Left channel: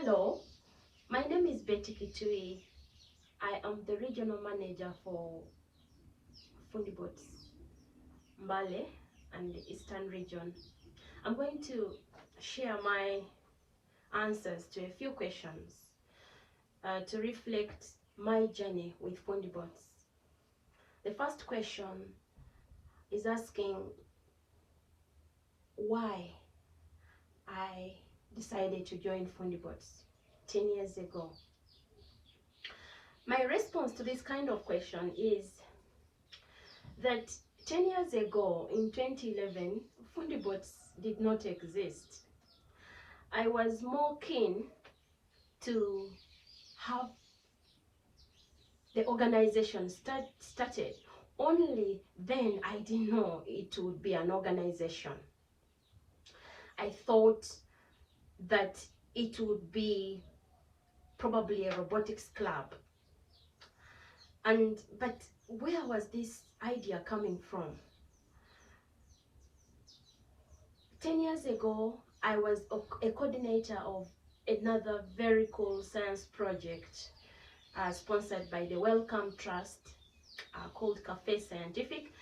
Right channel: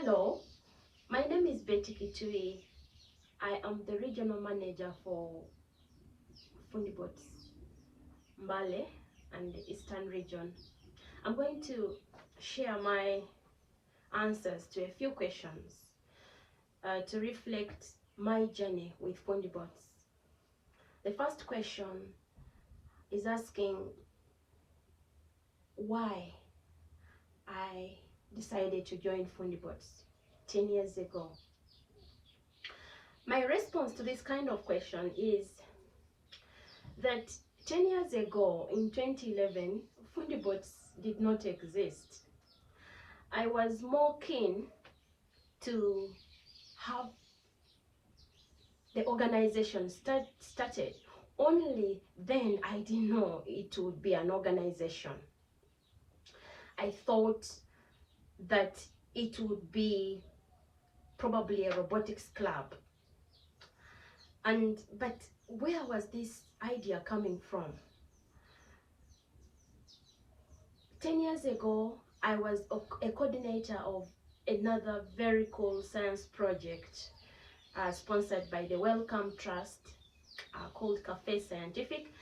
Hello, my name is Kituyi. I am the regional manager for Fundi Mbale and the Eastern region. I'm going to share my answers to a few questions to reflect my journey with Fundi. The first question is asking why I decided to join Fundi 10 years ago. My response to this kind of question is that 10 years ago, in 2011, Fundi did not exist. I was more keen to have the organization started. Only then I didn't know it would be an organization. I thought that it would be probably a robotics club. But where was this idea coming from? 10 years ago, I was a coordinator of another very cool science project sponsored by the Wellcome Trust called Cafe Scientific.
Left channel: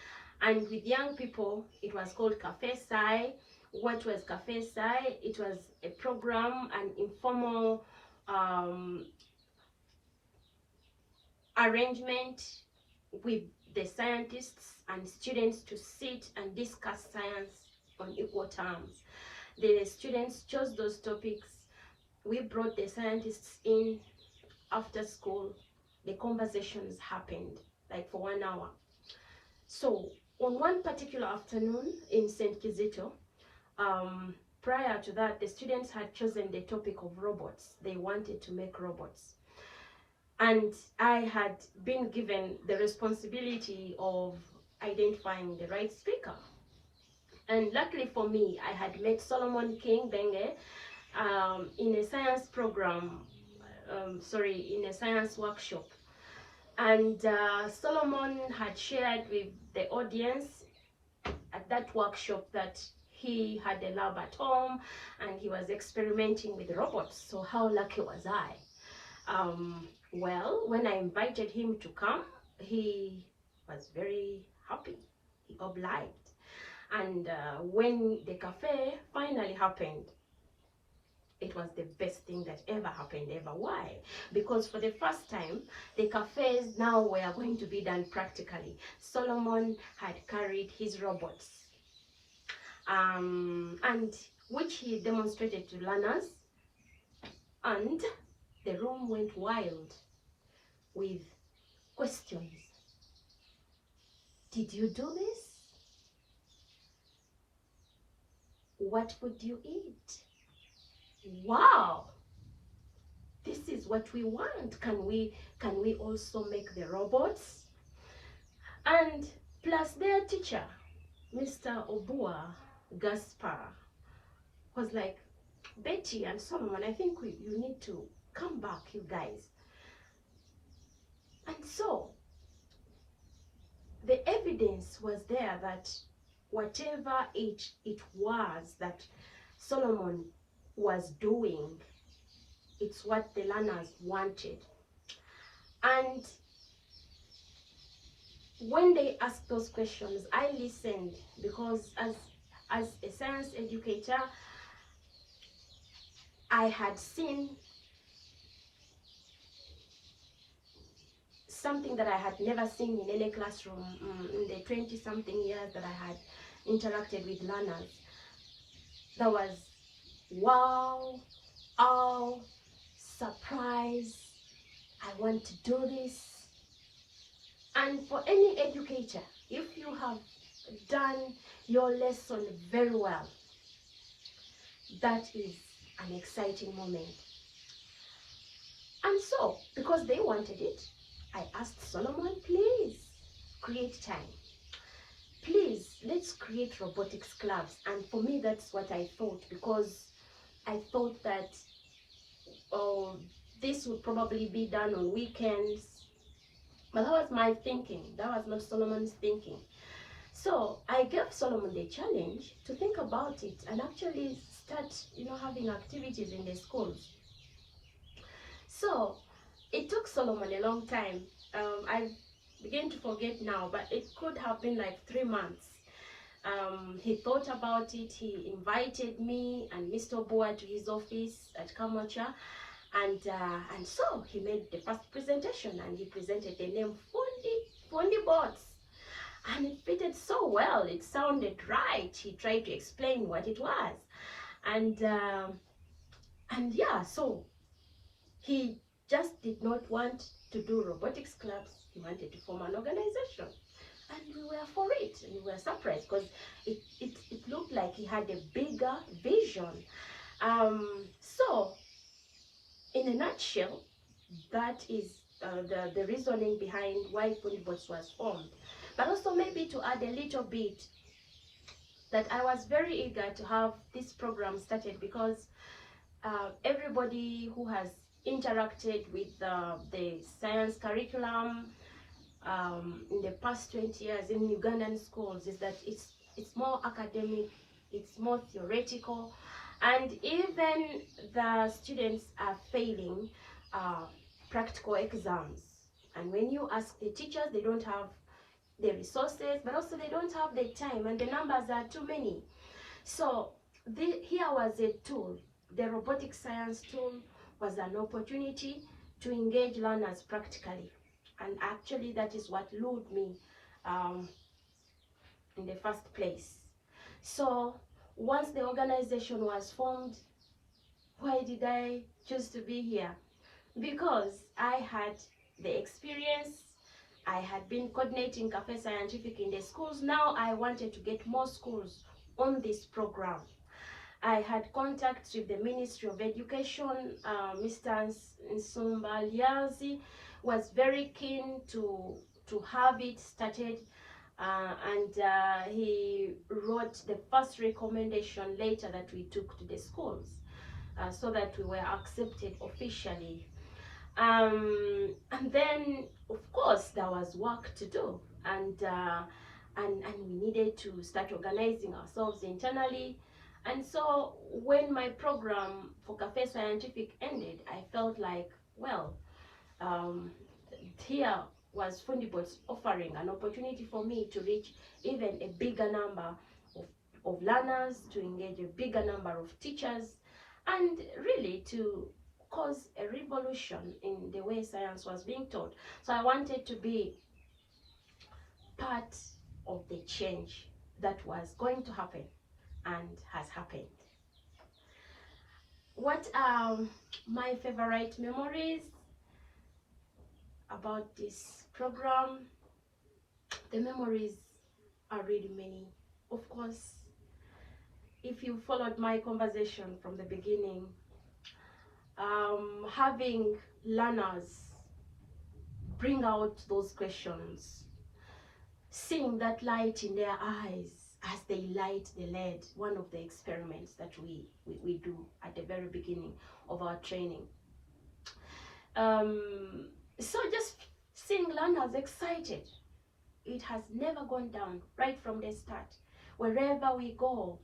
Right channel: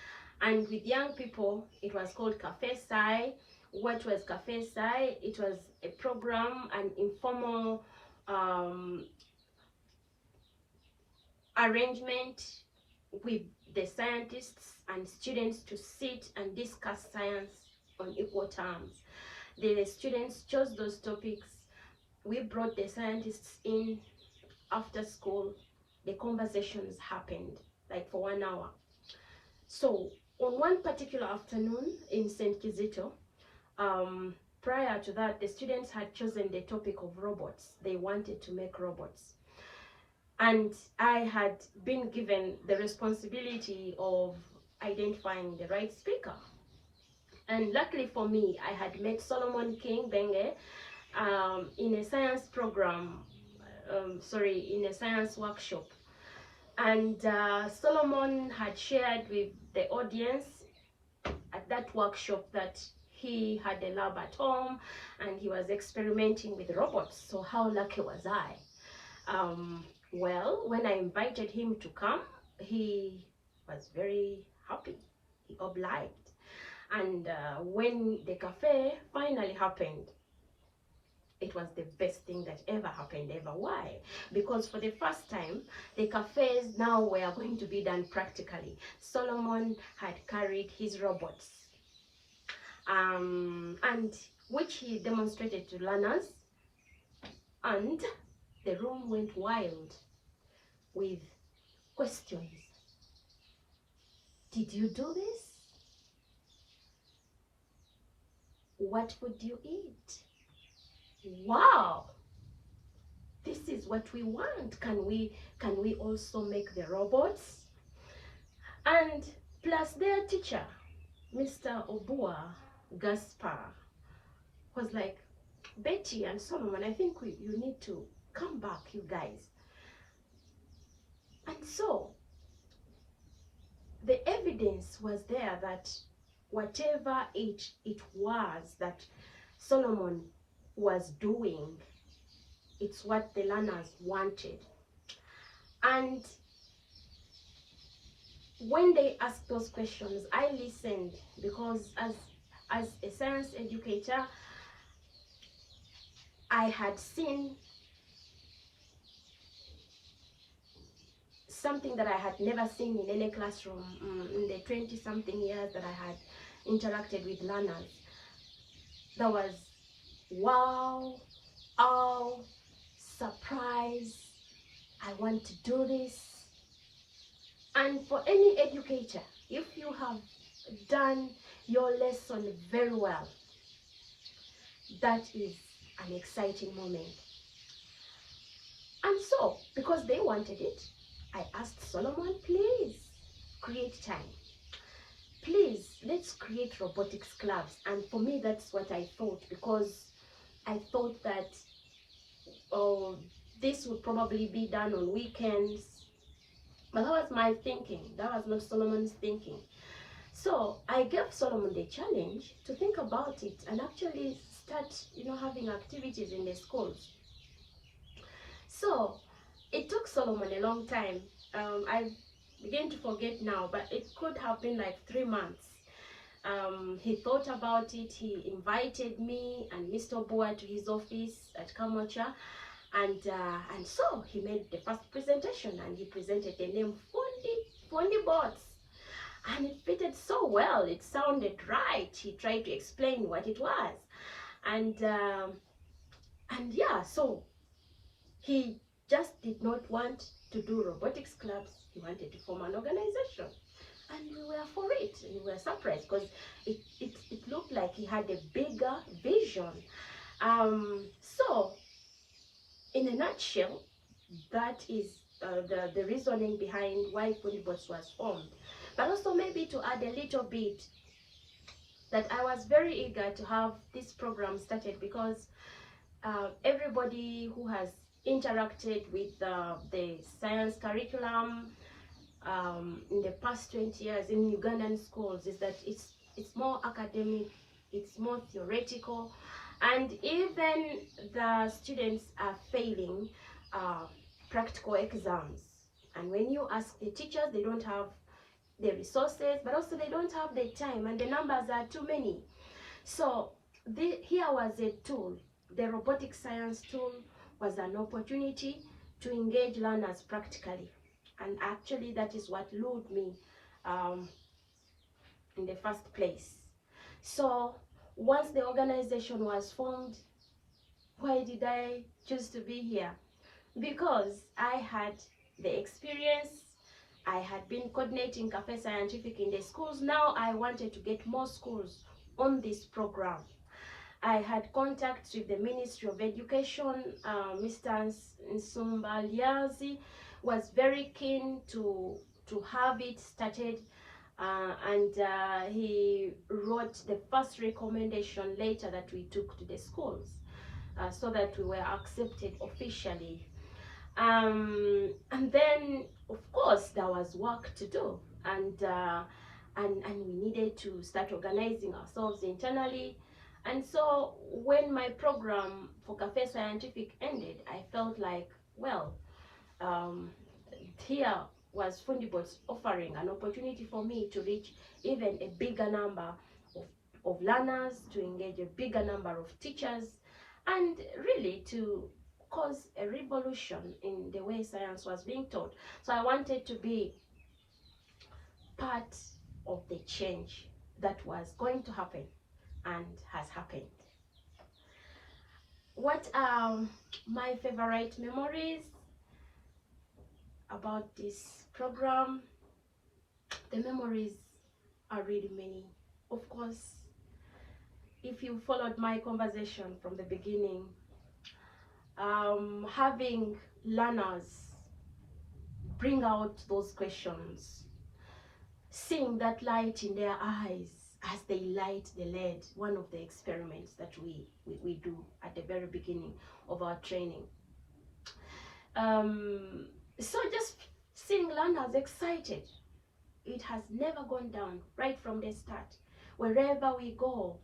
And with young people, it was called Cafe Sci. What was Cafe Sci? It was a program, an informal arrangement with the scientists and students to sit and discuss science on equal terms. The students chose those topics. We brought the scientists in after school. The conversations happened like for 1 hour. So on one particular afternoon in St. Kizito, prior to that, the students had chosen the topic of robots. They wanted to make robots. And I had been given the responsibility of identifying the right speaker. And luckily for me, I had met Solomon King Benge in a science program, in a science workshop. And Solomon had shared with the audience at that workshop that he had a lab at home and he was experimenting with robots. So how lucky was I? Well, when I invited him to come, he was very happy. He obliged. And when the cafe finally happened, it was the best thing that ever happened ever. Why? Because for the first time, the cafes now were going to be done practically. Solomon had carried his robots, and which he demonstrated to learners, and the room went wild with questions. Did you do this? What would you eat? Wow, this is what we want. Can we also make the robots? And plus their teacher, Mr. Obua Gaspar, was like, Betty and Solomon, I think you need to come back, you guys. And so the evidence was there that whatever it was that Solomon was doing, it's what the learners wanted. And when they asked those questions, I listened, because as a science educator, I had seen something that I had never seen in any classroom in the 20-something years that I had interacted with learners. That was wow, oh, surprise, I want to do this. And for any educator, if you have done your lesson very well, that is an exciting moment. And so, because they wanted it, I asked Solomon, please create time. Please, let's create robotics clubs. And for me, that's what I thought, because I thought that this would probably be done on weekends. But that was my thinking. That was not Solomon's thinking. So I gave Solomon the challenge to think about it and actually start, having activities in the schools. So it took Solomon a long time. I begin to forget now, but it could have been like 3 months. He thought about it. He invited me and Mr. Boa to his office at Kamocha, and so he made the first presentation, and he presented the name Fundi Bots, and it fitted so well. It sounded right. He tried to explain what it was, and yeah, so he just did not want to do robotics clubs. He wanted to form an organization. And we were for it. And we were surprised because it looked like he had a bigger vision. So, in a nutshell, that is the reasoning behind why Fundi was formed. But also maybe to add a little bit, that I was very eager to have this program started because everybody who has interacted with the science curriculum in the past 20 years in Ugandan schools is that it's more academic, it's more theoretical, and even the students are failing practical exams. And when you ask the teachers, they don't have the resources, but also they don't have the time, and the numbers are too many. So here was a tool. The robotic science tool was an opportunity to engage learners practically. And actually, that is what lured me in the first place. So once the organization was formed, why did I choose to be here? Because I had the experience. I had been coordinating Cafe Scientific in the schools. Now I wanted to get more schools on this program. I had contacts with the Ministry of Education. Mr. Nsumba Liazi was very keen to have it started, and he wrote the first recommendation letter that we took to the schools so that we were accepted officially. And then, of course, there was work to do, and we needed to start organizing ourselves internally. And so when my program for Cafe Scientific ended, I felt like, well, here was Fundi offering an opportunity for me to reach even a bigger number of learners, to engage a bigger number of teachers, and really to cause a revolution in the way science was being taught. So I wanted to be part of the change that was going to happen and has happened. What are my favorite memories about this program? The memories are really many. Of course, if you followed my conversation from the beginning, having learners bring out those questions, seeing that light in their eyes as they light the lead, one of the experiments that we do at the very beginning of our training. So just seeing learners excited, it has never gone down right from the start. Wherever we go,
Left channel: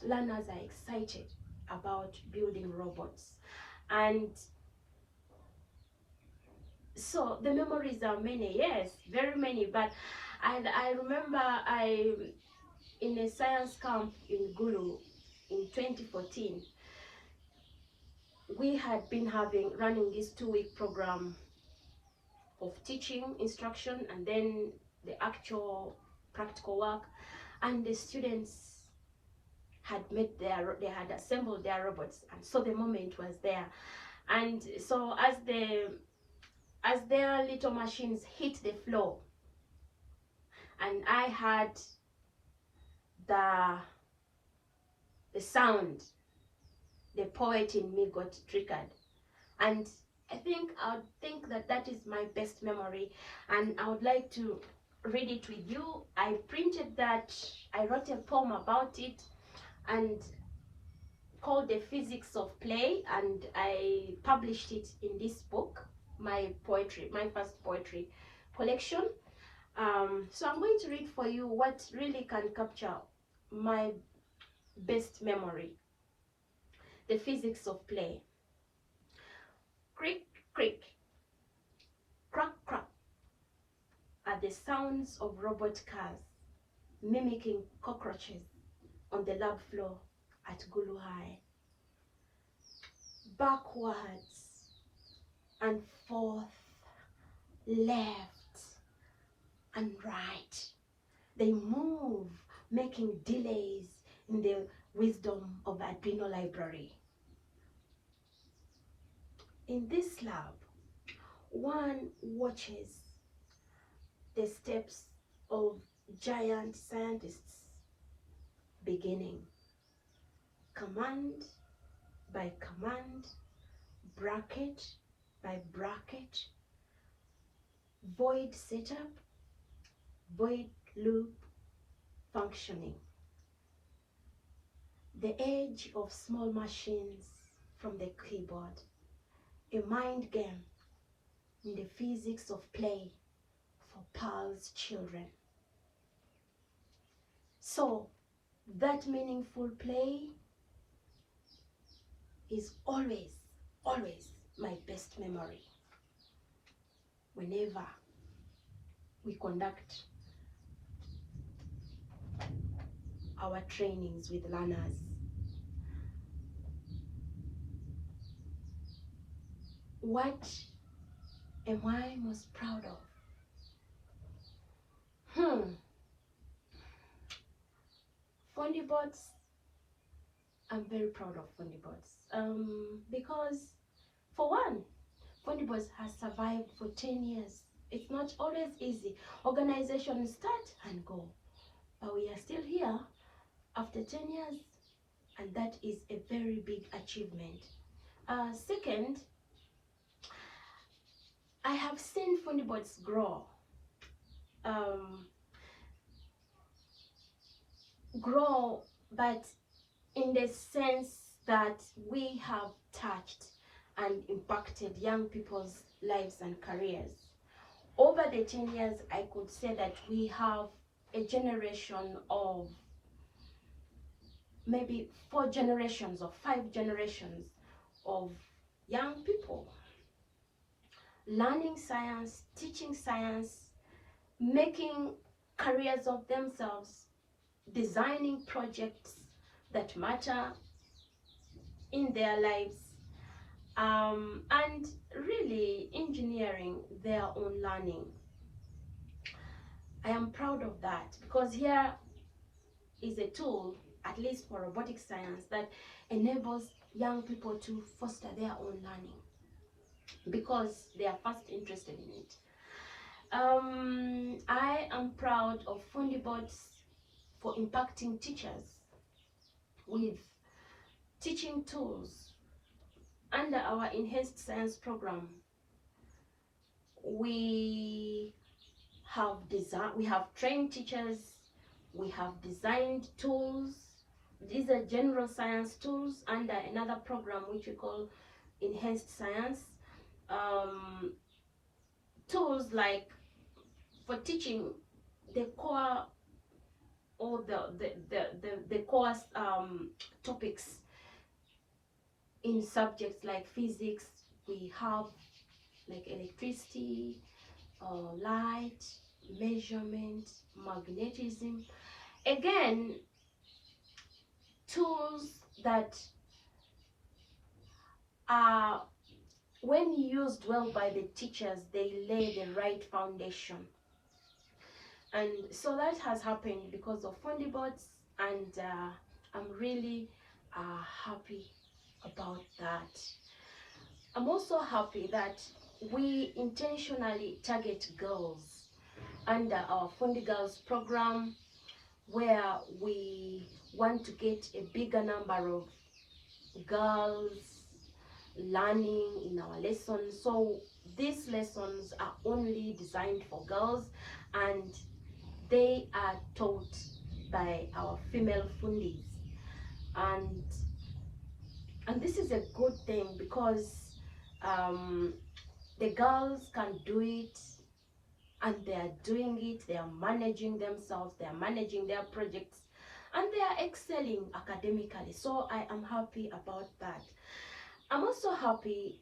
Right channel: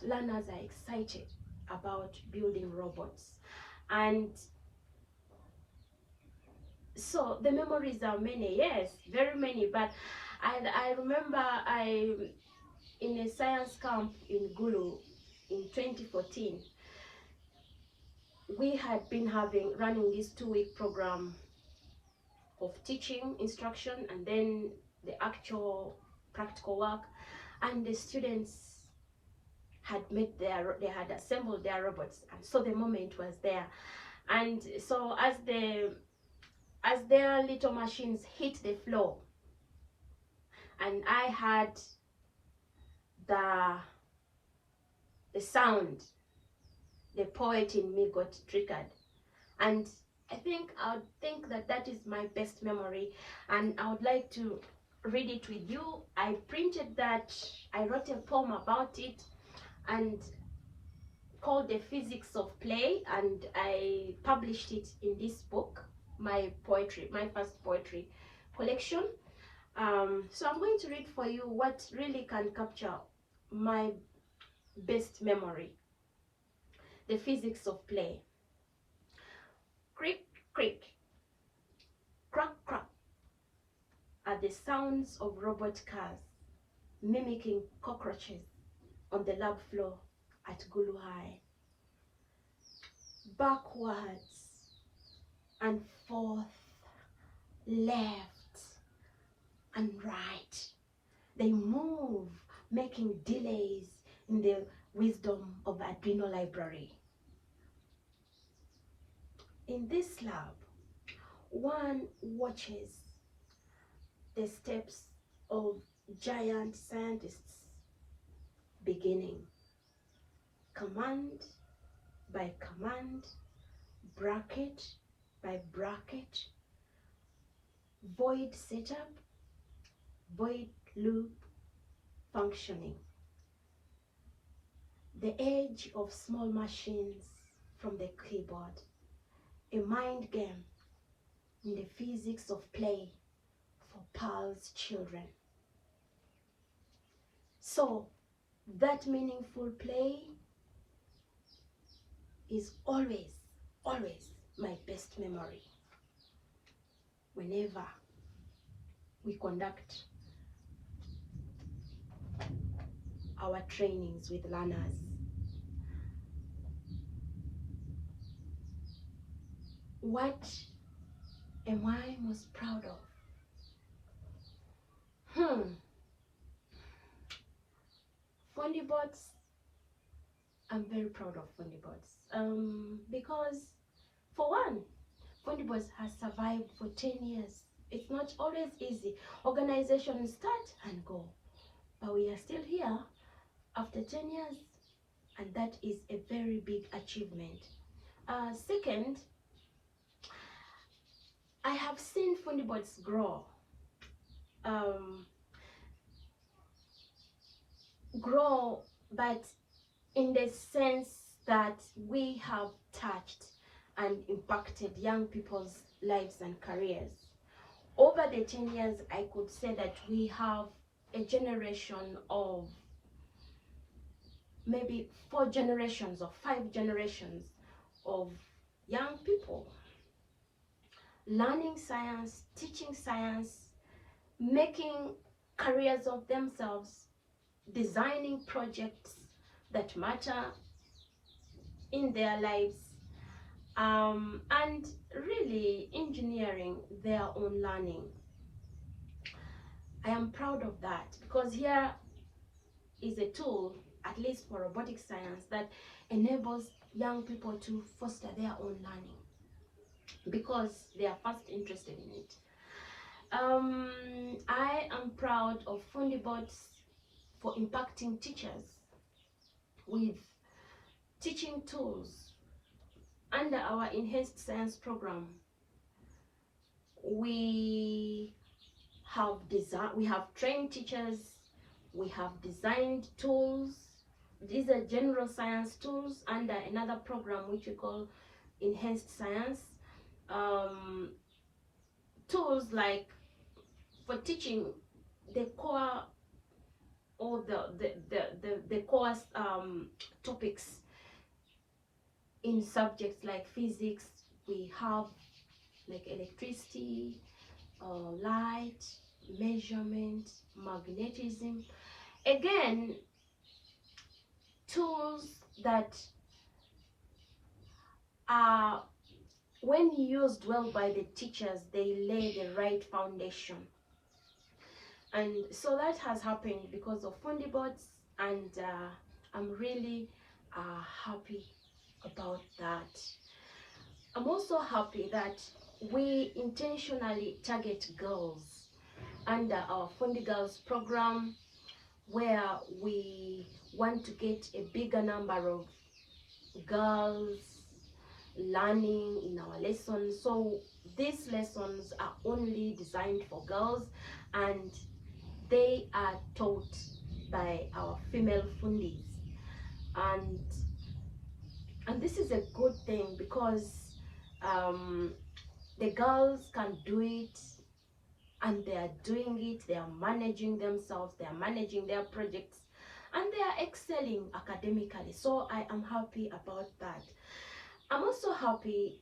learners are excited about building robots. And so the memories are many, yes, very many. But I remember in a science camp in Gulu in 2014, we had been running this 2-week program of teaching, instruction, and then the actual practical work. And the students had they had assembled their robots, and so the moment was there. And so as their little machines hit the floor, and I had the sound, the poet in me got triggered. And I think that is my best memory, and I would like to read it with you. I printed that, I wrote a poem about it, and called The Physics of Play, and I published it in this book, my first poetry collection. So I'm going to read for you what really can capture my best memory. The Physics of Play. the sounds of robot cars mimicking cockroaches on the lab floor at Gulu High. Backwards and forth, left and right. They move, making delays in the wisdom of the Arduino library. In this lab, one watches the steps of giant scientists beginning, command by command, bracket by bracket, void setup, void loop functioning. The edge of small machines from the keyboard, a mind game in the physics of play for Pearl's children. So that meaningful play is always my best memory whenever we conduct our trainings with learners. What am I most proud of? Fundibots. I'm very proud of Fundibots. Because for one, Fundibots has survived for 10 years. It's not always easy. Organizations start and go, but we are still here after 10 years, and that is a very big achievement. Second, I have seen Fundibots grow. But in the sense that we have touched and impacted young people's lives and careers. Over the 10 years, I could say that we have a generation of maybe 4 generations or 5 generations of young people learning science, teaching science, making careers of themselves, designing projects that matter in their lives, and really engineering their own learning. I am proud of that because here is a tool, at least for robotic science, that enables young people to foster their own learning because they are first interested in it. I am proud of Fundibots for impacting teachers with teaching tools. Under our enhanced science program, we have trained teachers, we have designed tools. These are general science tools under another program which we call enhanced science. Tools like for teaching the core or the course topics in subjects like physics. We have like electricity, light, measurement, magnetism. Again, tools that are, when used well by the teachers, they lay the right foundation. And so that has happened because of Fundibots, and I'm really happy about that. I'm also happy that we intentionally target girls under our Fundi Girls program, where we want to get a bigger number of girls learning in our lessons. So these lessons are only designed for girls, and they are taught by our female Fundis. And this is a good thing because the girls can do it, and they are doing it. They are managing themselves, they are managing their projects, and they are excelling academically. So I am happy about that. I'm also happy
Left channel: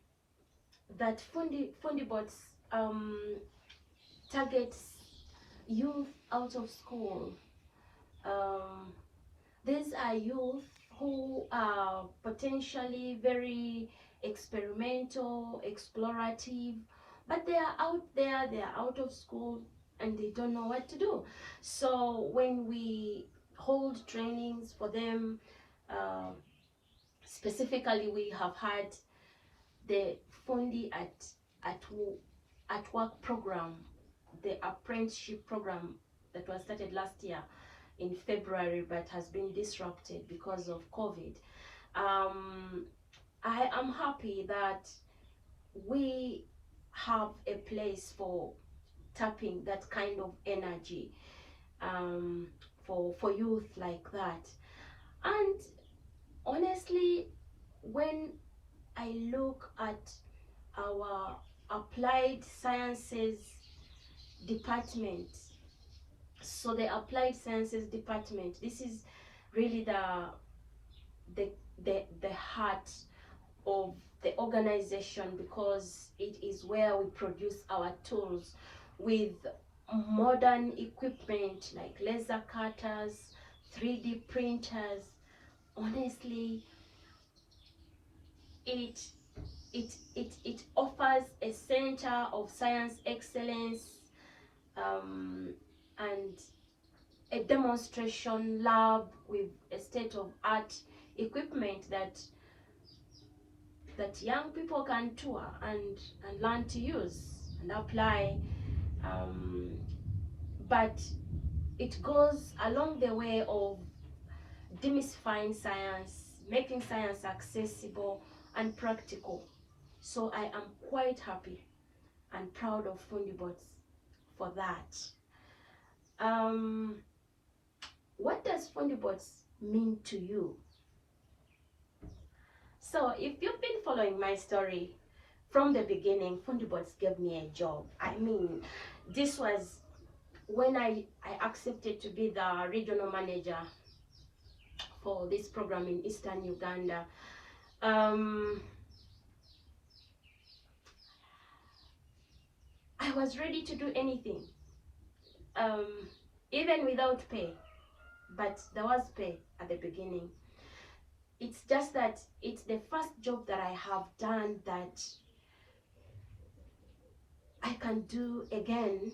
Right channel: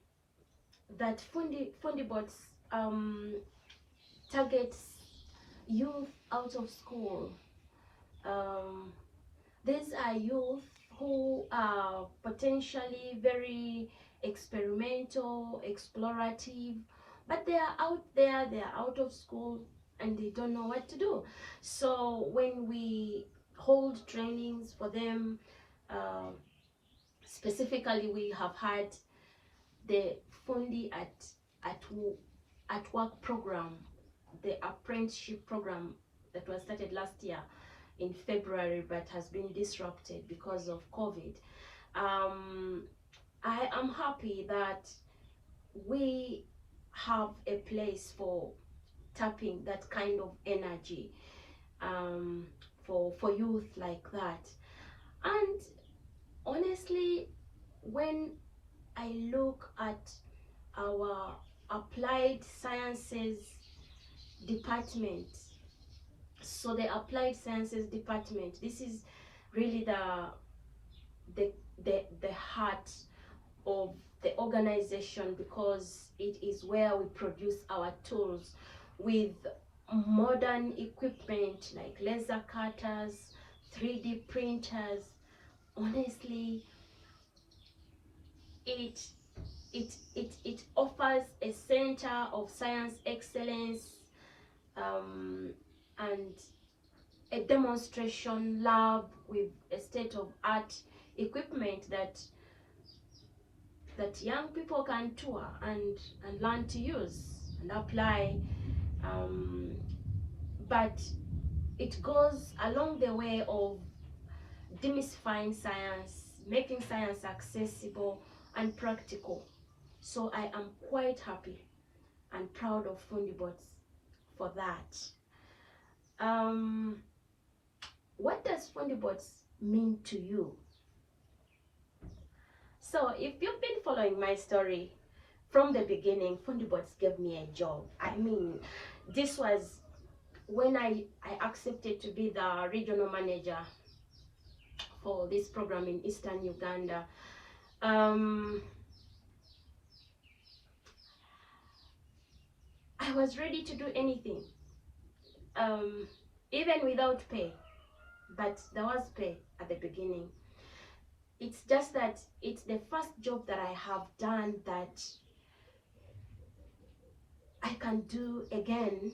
that Fundibots targets youth out of school. Um, these are youth who are potentially very experimental, explorative, but they are out there, they are out of school, and they don't know what to do. So when we hold trainings for them, uh, specifically we have had the Fundi at work program, the apprenticeship program that was started last year in February but has been disrupted because of COVID. I am happy that we have a place for tapping that kind of energy, for youth like that. And honestly, when I look at our applied sciences department, so the applied sciences department, this is really the heart of the organization, because it is where we produce our tools with modern equipment like laser cutters, 3D printers. Honestly, it offers a center of science excellence, and a demonstration lab with a state-of-art equipment that young people can tour and learn to use and apply. But it goes along the way of demystifying science, making science accessible and practical. So I am quite happy and proud of Fundibots for that. What does Fundibots mean to you? So if you've been following my story from the beginning, Fundibots gave me a job. I mean, this was when I accepted to be the regional manager for this program in Eastern Uganda. I was ready to do anything, even without pay, but there was pay at the beginning. It's just that it's the first job that I have done that I can do again,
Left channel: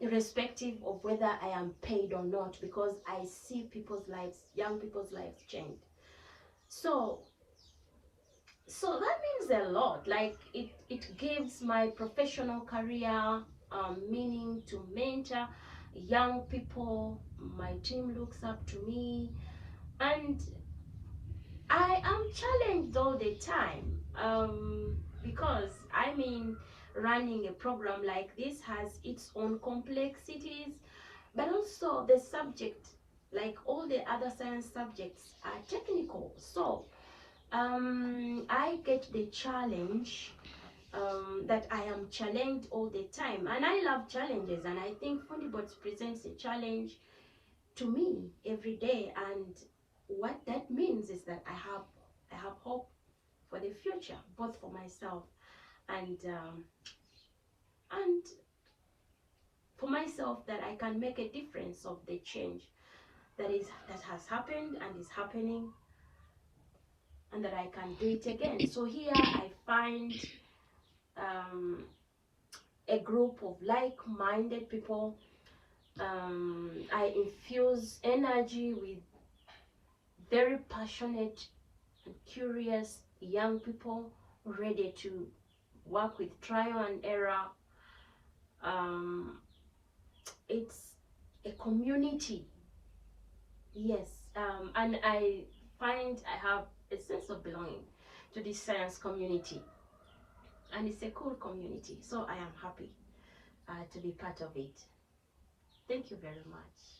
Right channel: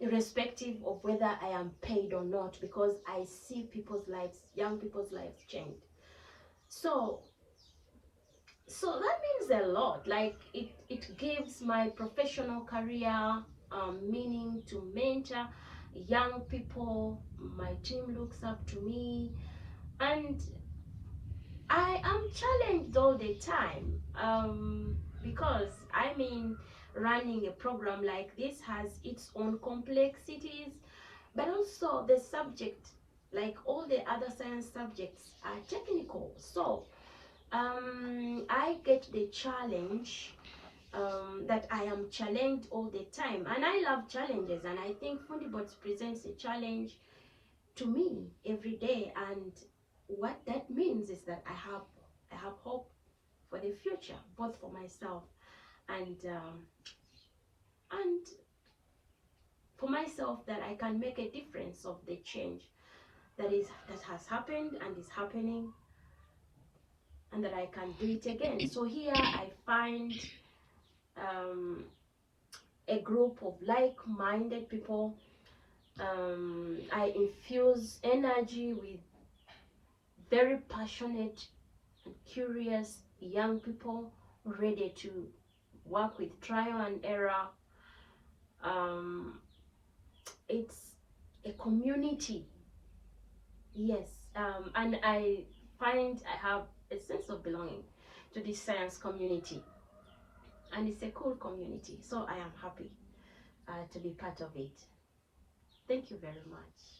irrespective of whether I am paid or not, because I see people's lives, young people's lives change. So that means a lot. Like it gives my professional career meaning to mentor young people. My team looks up to me, and I am challenged all the time, because I mean, running a program like this has its own complexities, but also the subject, like all the other science subjects, are technical. So I get the challenge, that I am challenged all the time, and I love challenges, and I think Fundibots presents a challenge to me every day. And what that means is that I have hope for the future, both for myself and for myself, that I can make a difference of the change that has happened and is happening, and that I can do it again. So here I find a group of like-minded people. I infuse energy with very passionate and curious young people ready to work with trial and error. It's a community, yes, and I find I have a sense of belonging to this science community, and it's a cool community, so I am happy to be part of it. Thank you very much.